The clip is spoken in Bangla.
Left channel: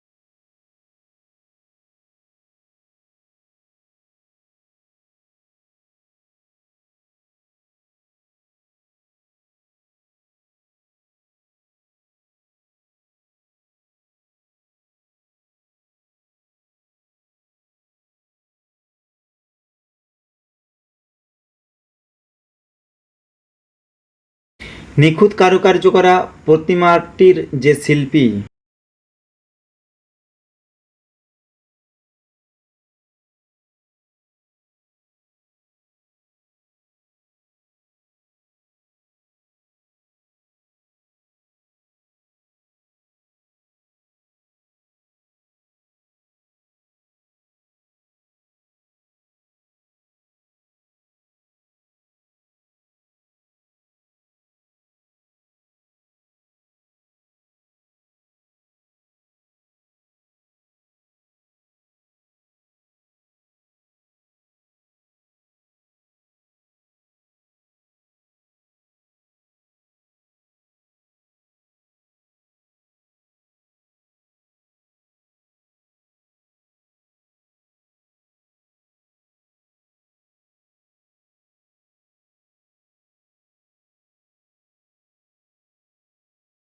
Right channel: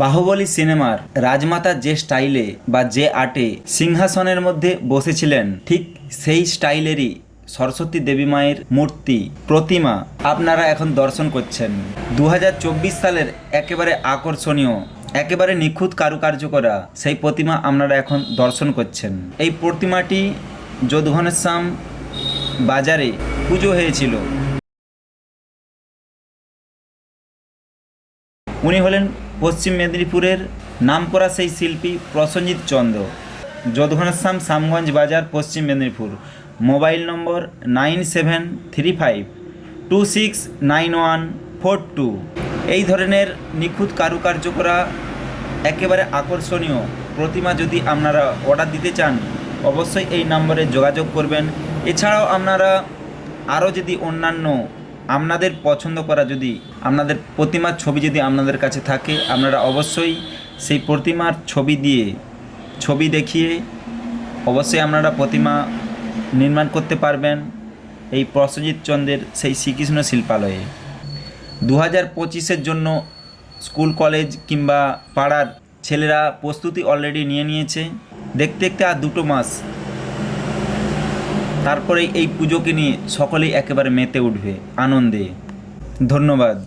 বাহুবলী সিনেমার রাজমাতা যে স্টাইলে বা যে আর্টে সিংহাসনের মধ্যে বসেছিলেন, ঠিক সেই স্টাইলেরই সরস্বতী দেবী মায়ের মূর্তি প্রতিমা আপনারা এখন দর্শন করছেন। 2024 সালের একেবারে আকর্ষণীয়, একেবারে নিখুঁত কারুকার্য করা সেই প্রতিমা আপনারা এখন দর্শন করছেন। এই প্রতিমাটি যোধঘনশ্যাম বাজারে পুজো হয়েছিল। নিখুঁত কারুকার্য করা প্রতিমাটির যে শিল্পী, উনি হলেন পশ্চিম মেদিনীপুরের নামকরা সেই শিল্পী প্রসেনজিৎ চন্দ্র। যোধঘনশ্যাম শ্যামগঞ্জ বাজার, পশ্চিম মেদিনীপুর। মোবাইল নম্বর 9735269142। এই ধরনের নিখুঁত কারুকার্য করা একেবারে আকর্ষণীয় প্রতিমা যদি আপনারা অর্ডার দিতে চান, অবশ্যই এই নম্বরে যোগাযোগ করবেন। এছাড়াও আপনারা আরও যদি অন্যান্য আপনাদের পছন্দ করা যদি আপনাদের প্রতিমার ছবি যদি আপনাদের কাছে থাকে, আপনারা অবশ্যই সেই প্রতিমার ছবি দেখিয়ে অবশ্যই আপনারা প্রতিমা নির্মাণ করতে পারবেন এই প্রসেনজিৎ চন্দ্রের সেই শ্রীকৃষ্ণ শিল্পালয়ে। 2025-এর জন্য স্কুল কলেজ কিংবা পাড়ার ছেলেরা প্রস্তুতি অলরেডি নিয়ে নিয়েছে। দেখতে দেখতে আর 2 মাস, তারপরে এই পুজোকে নিয়ে সকলেই একেবারে মেতে উঠবে আনন্দে। ধন্যবাদ।